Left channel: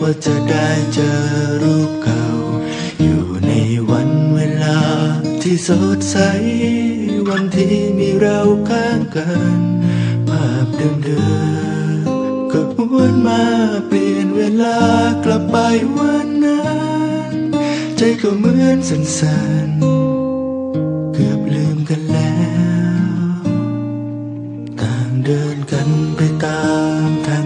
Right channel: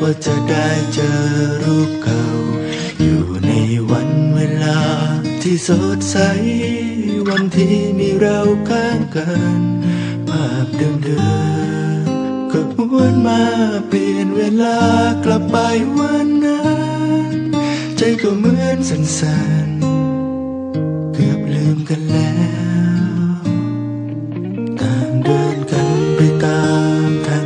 ว่าจะได้เจอรูปเก่า อยู่ในวันเวลาที่สดใส วันที่มีเราข้างกัน ภาพเดิมๆก็หวนมาเปลี่ยนเวลากลับไปวันนั้น ใจก็เหมือนสั่นๆ เกือบลืมกันแล้ว ต่างเดินกันไปตามทาง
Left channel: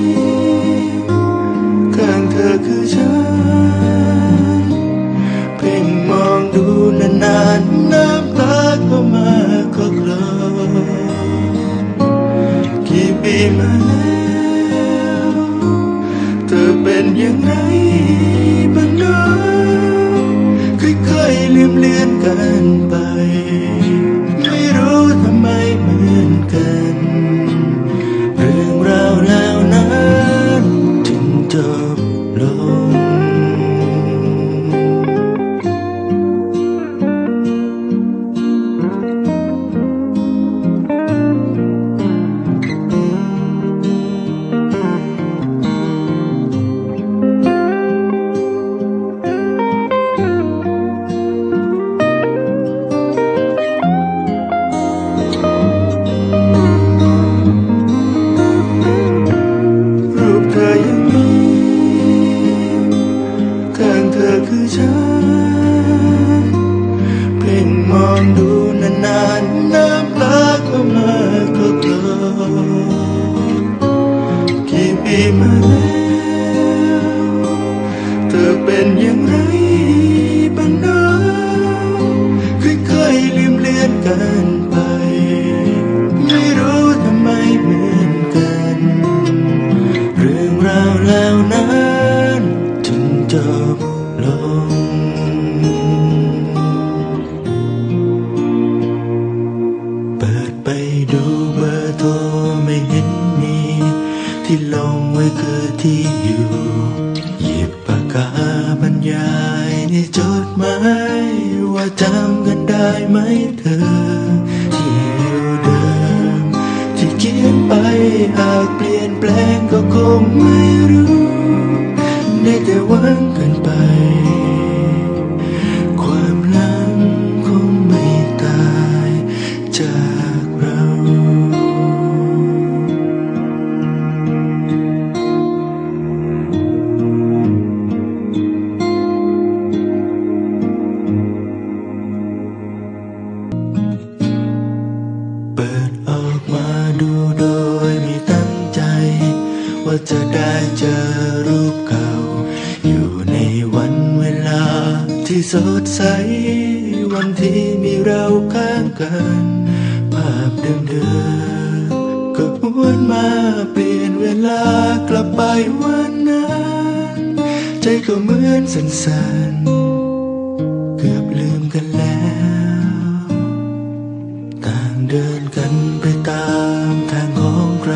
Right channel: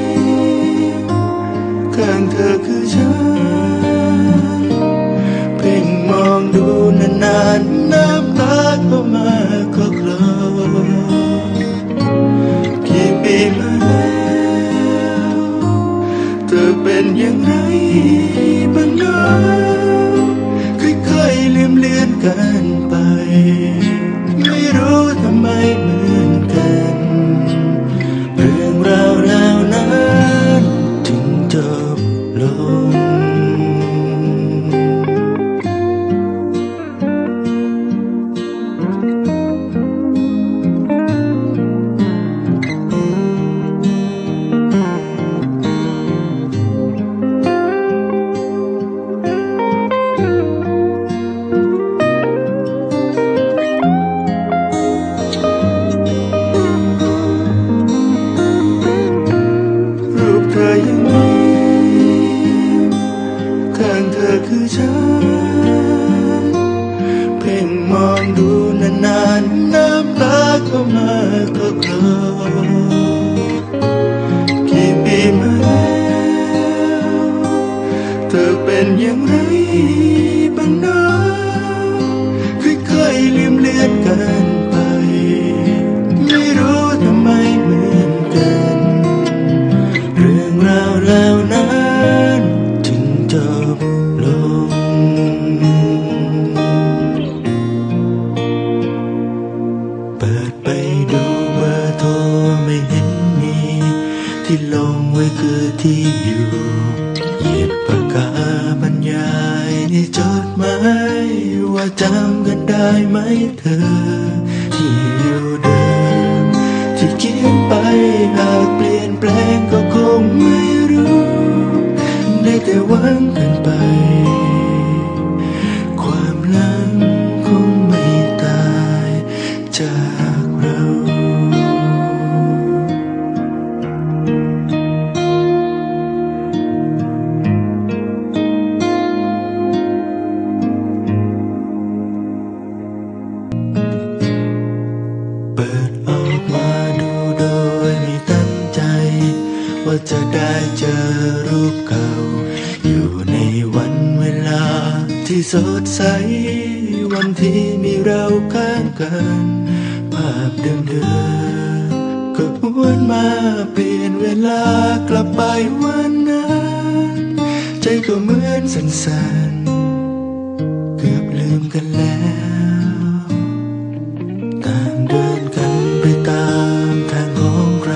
ข้างเธอคือฉัน เพ่งมองดูนานๆ น้ำตาก็มาก็คลอกี่ปีมาแล้วเธอเป็นอย่างไรบ้างเนะค่อยๆลืมเลือนกันไป ไม่รู้ทำไมเหมือนกัน เรื่องราวแล้ว บ กี่ปีมาแล้ว เธอเป็นอย่างไรบ้างเนะค่อยๆลืมเลือนกันไป ไม่รู้ทำไมเหมือนกัน เรื่องราวแล้วนั้นถึงจบ ที่ลงไว้คือที่อยู่ หยิบปากกาบรรยายในจดหมายว่าจำกันได้ไหมเธอ ที่อยู่เดิม ที่เขียนไปหากเปลี่ยนแปลงก็คงไม่รู้ ได้แต่หวังกันไป จะได้เจอรูปเก่า อยู่ในวันเวลาที่สดใส วันที่มีเราข้างกัน ภาพเดิมๆก็หวนมาเปลี่ยนเวลากลับไปวันนั้น ใจก็เหมือนสั่นๆ เกือบลืมกันแล้วต่างเดินกันไปตามทางของใคร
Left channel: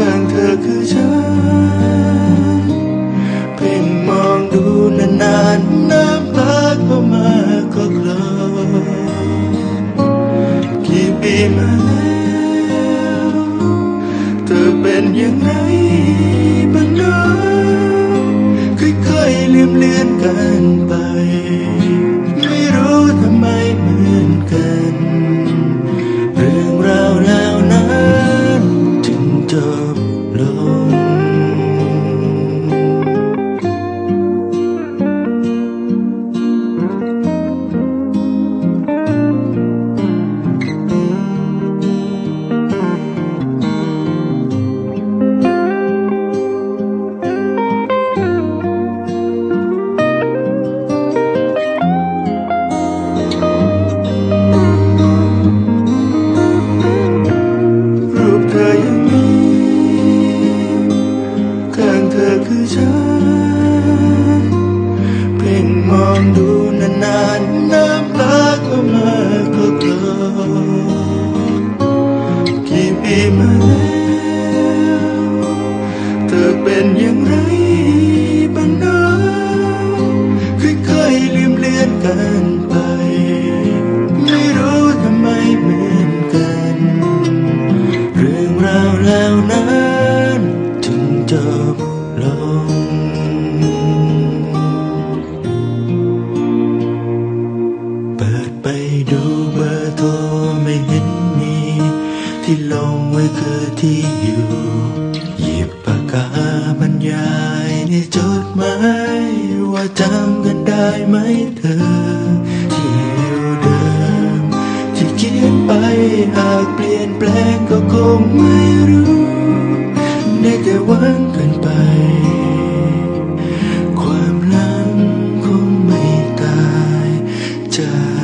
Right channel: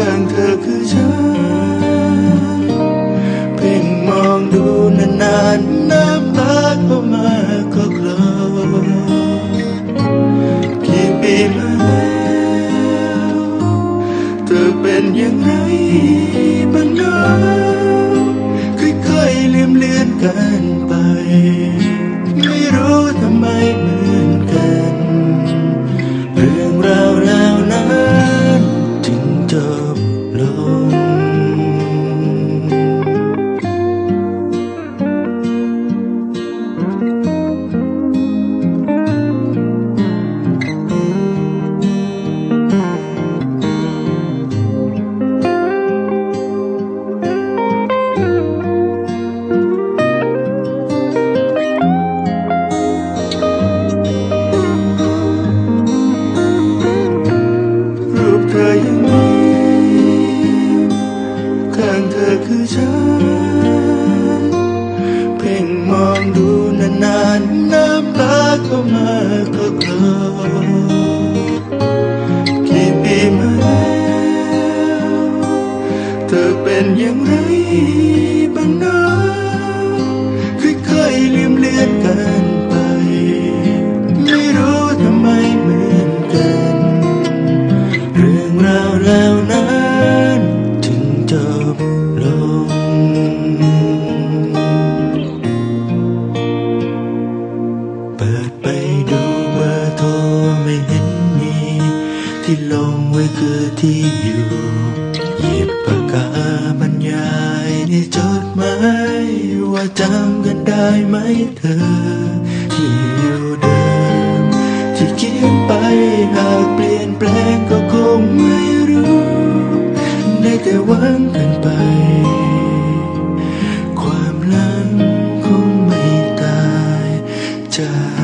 ข้างเธอคือฉัน เพ่งมองดูนานๆน้ำตาก็มาก็คลอกี่ปีมาแล้วเธอเป็นอย่างไรบ้างเนาะค่อยๆลืมเลือนกันไป khắp lớn thời gian งเฉัน เพ่งมองดูนานๆน้ำตาก็มาก็กลอกี่ปีมาแล้ว เธอเป็นอย่างไรบ้างนะค่อยๆลืมเลือนกันไป เบอร์โทรไม่เห็นมี ที่ลงไว้คือที่อยู่ หยิบปากกาบรรยายนี่จดหมายว่าจำกันได้ไหมเธอ ที่อยู่เดิม ที่เขียนไปหากเปลี่ยนแปลงก็คงไม่รู้ได้แต่วังกันไป ความลังคงไม่ตายจาก